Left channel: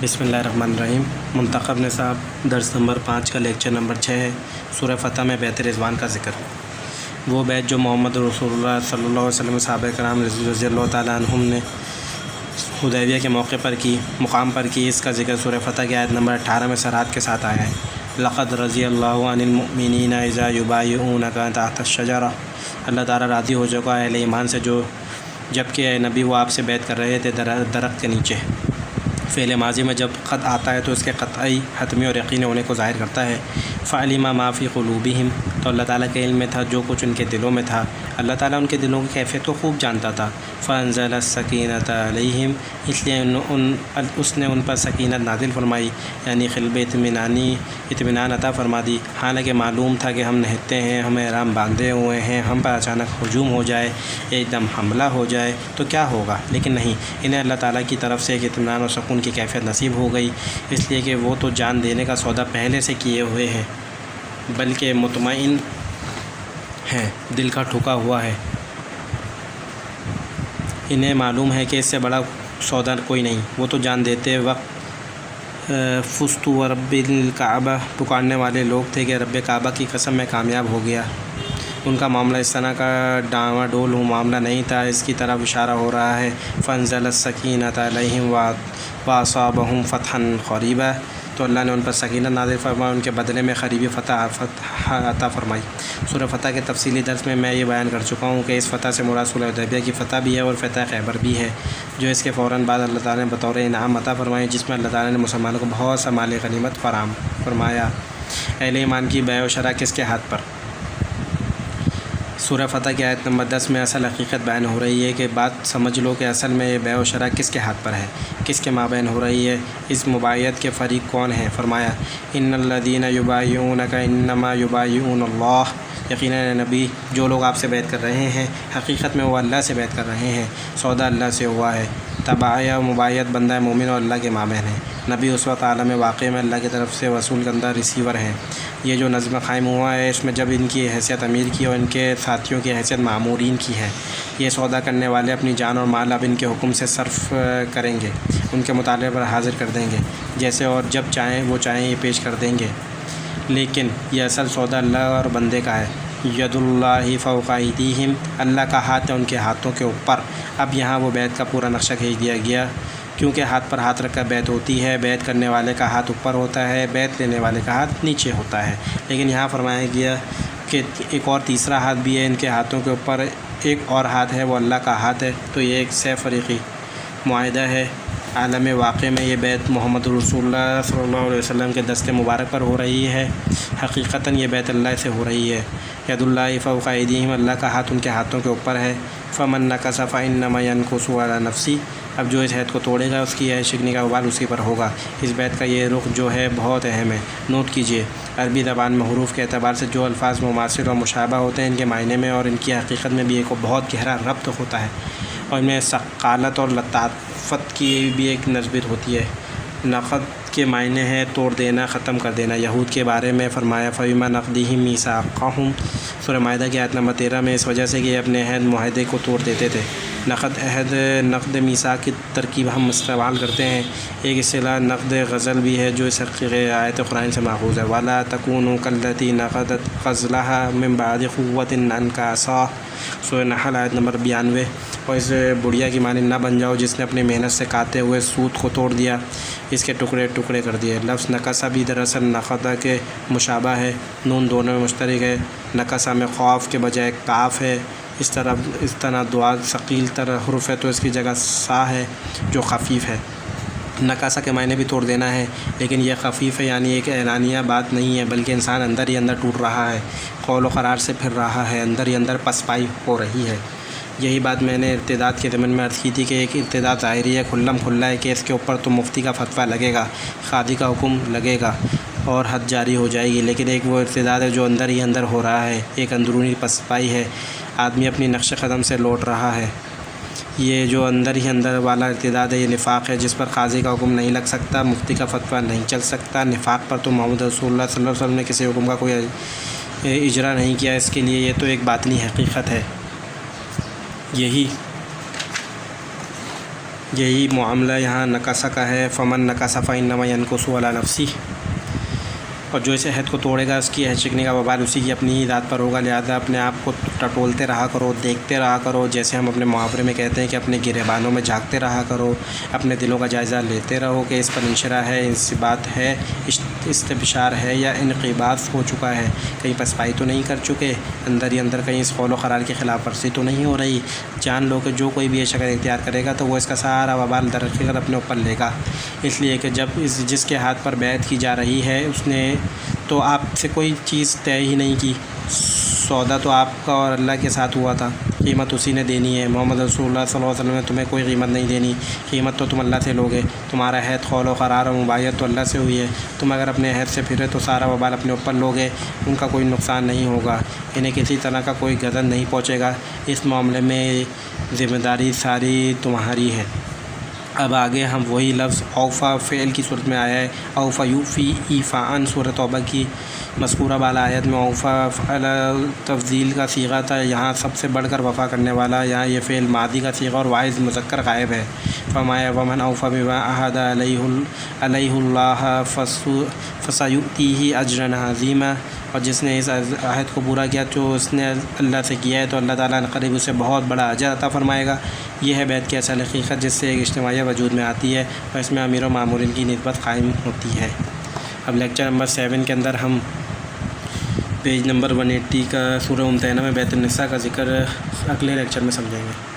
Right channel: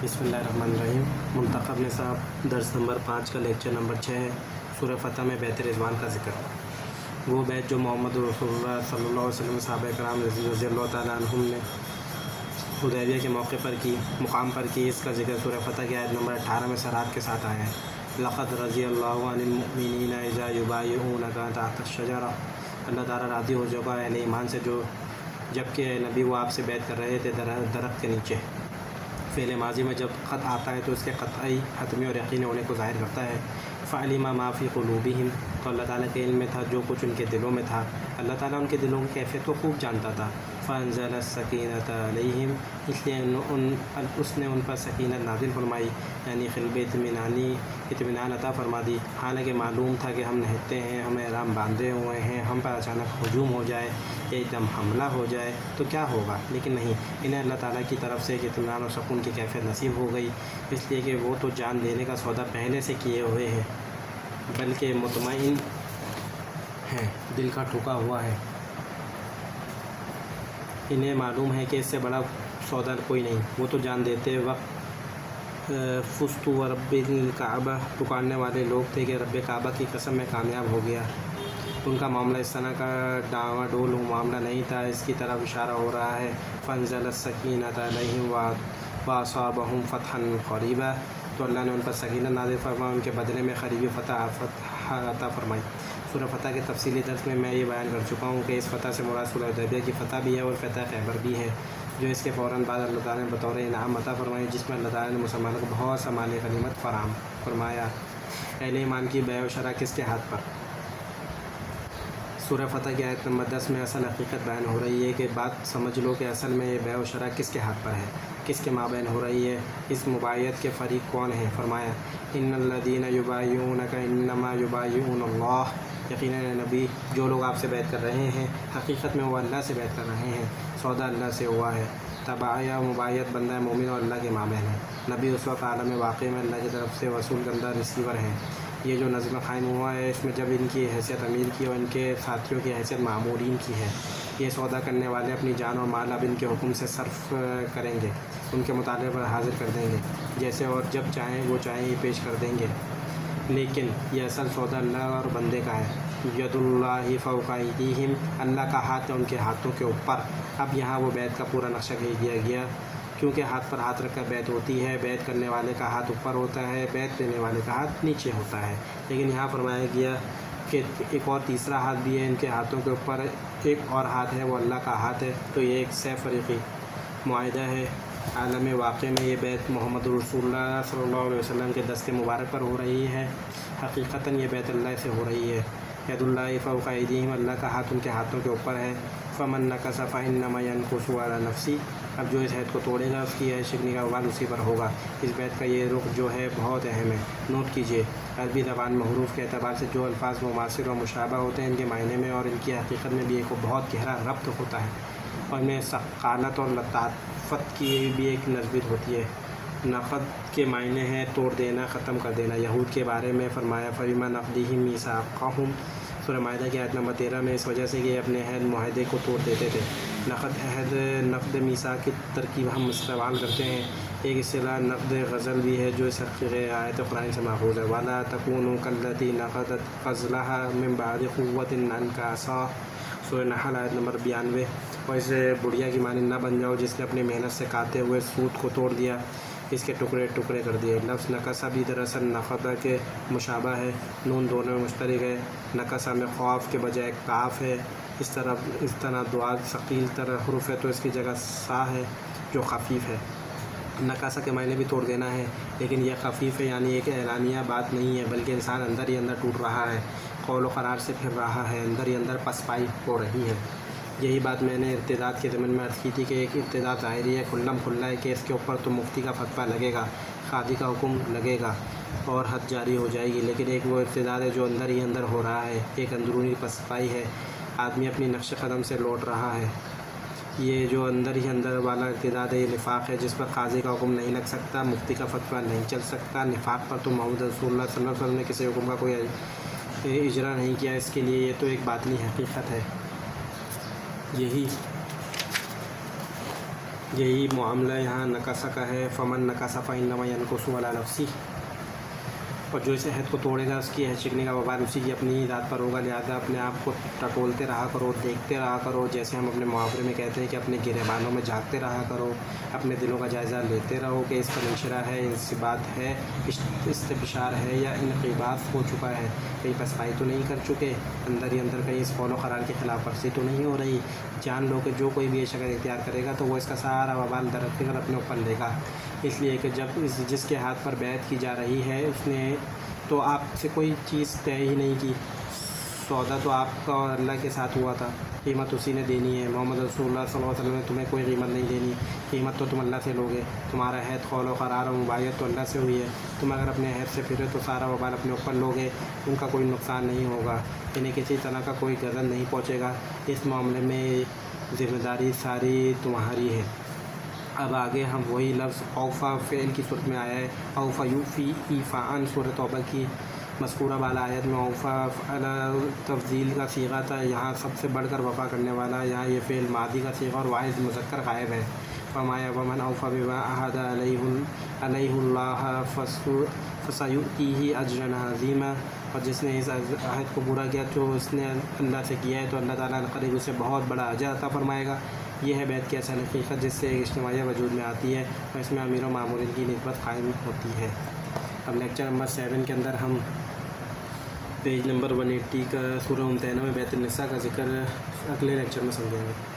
بسم اللہ الرحمن الرحیم۔ منتخب نصاب درس نمبر 5 کا لیکچر نمبر 6 ہے۔ سورہ فتح میں بیت رضوان کا ذکر۔ وہ بیت جو محمد رسول اللہ صلی اللہ علیہ وسلم صحابہ کرام رضی اللہ تعالیٰ عنہم نے حدیبیہ کے موقع پر کی، مقام پر کی، اس کا ذکر سورہ فتح کی آیت نمبر 18 میں سرحد کے ساتھ آیا ہے۔ لقد رضی اللہ عن المؤمنین اذا یبایعونک تحت الشجرہ۔ اللہ تعالیٰ راضی ہو چکا ہے اہل ایمان سے جبکہ اے نبی وہ آپ سے بیعت کر رہے تھے درخت کے نیچے۔ فعل ماضی میں جب قد آتا ہے تو اس کے قطعی، حتمی اور یقینی ہونے کو ظاہر کرتا ہے۔ فعلم ما فی قلوبہم، تو اللہ تعالیٰ کے علم میں تھا جو کچھ ان کے دلوں میں تھا۔ اللہ تعالیٰ ان کے دلوں کی کیفیت کو خوب جانتا تھا۔ فانزل السکینۃ علیہم، اس لیے اس نے ان پر سکینت نازل فرمائی، یعنی قلب اطمینان عطا فرما دی۔ حالانکہ معلوم تھا کہ ہم نہتے ہیں، ہم احرام باندھے ہوئے ہیں، ہم پر اچانک ہجوم ہو جائے، ایک دم حملہ ہو جائے تو کیا ہوگا، لیکن نہیں، انہیں اللہ تعالیٰ کی طرف سے ایک اطمینان اور سکون کی کیفیت نصیب ہو گئی، اس لیے کہ وہ تو جان دینے کا سودا پہلے سے کیے ہوئے ہیں، بلکہ مطمئن ہیں، دل کا ٹھکا ہوا ہے۔ انہیں معلوم ہے کہ اس سے بڑا سودا کوئی نہیں۔ وہ تو جان دیتے وقت فزت ورب الکعبہ پکارنے والے لوگ تھے کہ رب کعبہ کی قسم میں کامیاب ہو گیا۔ ان کا معاملہ اس طرح کا ڈاواں ڈول معاملہ نہیں تھا، اس کی طرف اشارہ ہو رہا ہے۔ فانزل السکینۃ علیہم واصابہم فتحا قریبا، تو اللہ نے ان پر سکینت نازل فرمائی، ان کے بدلے میں قریبی فتح عطا فرمائی۔ سورہ فتح کے تفصیلی درس میں یہ بیان کر چکا ہوں کہ اس فتح سے مراد صلح حدیبیہ کی فتح بھی ہے اور فتح خیبر بھی ہے، جو اس کے فوراً بعد اللہ تعالیٰ نے بطور انعام عطا فرمائی، جس میں اللہ تعالیٰ نے مسلمانوں کو بہت سا مال غنیمت فراہم فرمایا۔ اہل ایمان کی بیع و شرح کس کے ہاتھ پر؟ سورہ فتح کی آیت نمبر 10 میں اصل حقیقت بیان ہو رہی ہے کہ بات سمجھ لو کہ اصل میں یہ بیع و شرح کس کے ہاتھ پر ہے، کس کے مابین ہو رہی ہے، اس مبایعت کے فریق کون ہیں۔ فرمایا ان الذین یبایعونک انما یبایعون اللہ، یقیناً نبی جو لوگ آپ سے بیعت کر رہے ہیں حقیقت میں وہ اللہ سے بیعت کر رہے ہیں، سودا اللہ سے ہوا ہے۔ تبعیہ و مبایعت بندہ مومن اور اللہ کے مابین ہے۔ نبی اس وقت عالم واقع میں اللہ کی طرف سے وصول کردہ ریسیور ہیں۔ یہ جو نظم قائم ہوا ہے اس میں جب ان کی حیثیت امیر کی اور ان کے ساتھیوں کی حیثیت مامورین کی ہے، یہ سودا کرنے والے اپنی جان اور مال اب ان کے حکم سے صرف کریں گے، ان کے مطالبے پر حاضر کر دیں گے، جیسے اور جب چاہیں وہ چاہیں یہ پیش کر دیں گے، لیکن یہ اصل سودا اللہ اور بندے کا ہے۔ ید اللہ فوق ایدیہم، اللہ کا ہاتھ ہے ان کے ہاتھوں کے اوپر۔ اب یہاں وہ بیعت کا پورا نقشہ کھینچ دیا گیا، کیونکہ ہاتھ پر ہاتھ رکھ کر بیعت ہوتی ہے، بیعت کرنے والے کا ہاتھ اوپر ہوتا ہے، بیعت لینے والے کا ہاتھ نیچے ہوتا ہے، لیکن یہاں فرمایا گیا کہ ایک اور تیسرا ہاتھ بھی ہے ان کے ہاتھوں کے اوپر، ایک اور ہاتھ ہے وہ اللہ کا ہاتھ ہے، تو یہ ایک سہ فریقی معاہدہ ہے۔ عالم واقع میں یہ بیعت محمد رسول اللہ صلی اللہ علیہ وسلم کے دست مبارک پر ہو رہی ہے، حقیقتاً یہ بیعت اللہ سے ہو رہی ہے۔ ید اللہ فوق ایدیہم، اللہ کا ہاتھ ان کے ہاتھوں کے اوپر ہے۔ فمن نکث فانما ینکث علی نفسہ، اب جو اس عہد کو توڑے گا اس کی شکنی کا وبال اسی پر ہوگا۔ اس بیعت کا یہ رخ جو ہے بہت اہم ہے، نوٹ کیجیے۔ عربی زبان میں حروف کے اعتبار سے جو الفاظ مماثل اور مشابہ ہوتے ہیں، ان کے معنی میں اور ان کی حقیقت میں بھی ایک بہت گہرا ربط ہوتا ہے، اور ان میں ثقالت اور لطافت کی بھی ایک نسبت ہوتی ہے۔ نقد کے معنی ہے توڑ دینا، ختم کر دینا۔ یہود کے بارے میں فرمایا فَبِمَا نَقْضِهِم مِيثَاقَهُمْ، سورہ مائدہ کی آیت نمبر 13 میں، اس وجہ سے کہ یہ اپنے عہد معاہدے کو توڑ دیتے تھے۔ نقد عہد، نقد میثاق کی ترکیب ہم استعمال کرتے ہیں۔ ایک اصطلاح نقد غزل بھی ہے جو اس آیت قرآن سے ماخوذ ہے۔ وَلَا تَكُونُوا كَالَّتِي نَقَضَتْ غَزْلَهَا مِن بَعْدِ قُوَّةٍ أَنكَاثًا، سورہ نحل آیت نمبر 92۔ اور اس بڑھیا کی مانند نہ بن جاؤ جس نے اپنی محنت سے کاتے ہوئے سوت کو توڑ دیا، اس کے ٹکڑے ٹکڑے کر دیے۔ لفظ نکسہ بھی دراصل نقدہ کے مشابہ ہے، نون دونوں میں مشترک ہے۔ نکسہ میں قاف کے بجائے کاف ہے، اس طرح دعا ثقیل تر حرف ہے تو اس کی جگہ سا ہے جو خفیف ہے۔ نکاسہ کے معنی بھی توڑ دینا ہے، لیکن یہ خفیف ہے، یعنی ایک اعلانیہ بات نہیں ہے، بلکہ انسان اندر ہی اندر ٹوٹ رہا ہے، قول و قرار سے پھر رہا ہے، اندر ہی اندر پسپائی ہو رہی ہے۔ یہی بات میں نے ارتداد کے ضمن میں عرض کی تھی کہ ایک ارتداد ظاہری ہے، کھلم کھلا ہے کہ اس کے اوپر تو مفتی کا فتویٰ لگے گا، قاضی کا حکم لگے گا اور حد جاری ہو جائے گی، لیکن ایک وہ ارتداد ہے جو اندر ہی اندر ہو رہا ہے، ایک اندرونی پسپائی ہے، آدمی اپنی نقش قدم سے لوٹ رہا ہے۔ یہ جو اندر ہی اندر والا ارتداد ہے یہ نفاق ہے، جس پر قاضی کا حکم نہیں لگ سکتا، مفتی کا فتویٰ نہیں چل سکتا۔ نفاق پر تو محمد رسول اللہ صلی اللہ علیہ وسلم نے کسی حکم کا کوئی اجرا نہیں کیا، اس کے لیے یہ تو ایک باطنی حقیقت ہے۔ یہی معاملہ یہاں نکاسہ کا ہے، فمن نکس فإنما ينكث على نفسه، اور جو اس عہد کو توڑے گا اس کی عہد شکنی کا وبال اسی کی اپنی ہی ذات پر ہوگا۔ لہٰذا اپنے آپ کو ٹٹولتے رہا کرو، دیکھتے رہا کرو، جیسے ہم اپنے محاورے میں کہتے ہیں کہ اپنے گریبانوں میں جھانکتے رہا کرو، اپنے دلوں کا جائزہ لیتے رہو کہ اس پر انشرا ہے، انصبات ہے، استبشار ہے یا انقباض ہو چکا ہے، کہیں پسپائی تو نہیں کر چکے، اندر ہی اندر کہیں اس قول و قرار کی خلاف ورزی تو نہیں ہو رہی۔ جان لو کہ جو کوئی بھی یہ شکل اختیار کرے گا تو وہ اس کا سارا وبال در حقیقت اپنے اوپر لے گا، اس لیے کہ جب جس کے ہاتھ پر بیعت کی جا رہی ہے اس نے تو آپ سے کوئی چیز طے ہی نہیں کی، سودا تو آپ کا اور اللہ کے ساتھ ہوا تھا، قیمت اسی نے دینی ہے۔ محمد رسول اللہ صلی اللہ علیہ وسلم نے تمہیں کوئی قیمت نہیں دینی، قیمت تو تم اللہ سے لوگے، تمہارا عہد، قول و قرار اور مبایعت تو اللہ سے ہوئی ہے، تم اگر اپنے عہد سے پھرے تو سارا وبال اپنے اوپر لوگے، ان کا کوئی نقصان نہیں ہوگا، انہیں کسی طرح کا کوئی غضب نہیں پہنچے گا، اس معاملے میں ذمہ داری ساری تمہاری ہے۔ اب آگے ہم وہی لفظ اوفا فعل کی صورت میں آیا ہے، اوفا یوفی ایفاءً، سورۃ توبہ کی مذکورہ بالا آیت میں اوفا فعل تفضیل کا صیغہ تھا، یہاں سب سے بڑھ کر وفا کرنے والا، یہاں یہ فعل ماضی کا صیغہ اور واحد مذکر غائب ہے۔ فرمایا ومن اوفی بما عہد علیہ اللہ فسیؤتیہ اجرا عظیما، اور جس نے اس عہد کو پورا کیا جو اس نے اللہ سے کیا ہے تو اللہ تعالیٰ نے قریب اسے بہت بڑا اجر عطا فرمائے گا۔ یہ ہے بیعت کی اصل حقیقت جس سے ایک اجتماعیہ وجود میں آتی ہے اور اس میں امیر و مامورین کی نسبت قائم ہوتی ہے۔ اب لیکچر نمبر 7 کے اندر ہم پیج نمبر 180 کا سورہ ممتحنہ میں بیعت النساء کا ذکر اگلے لیکچر میں سمجھیں گے۔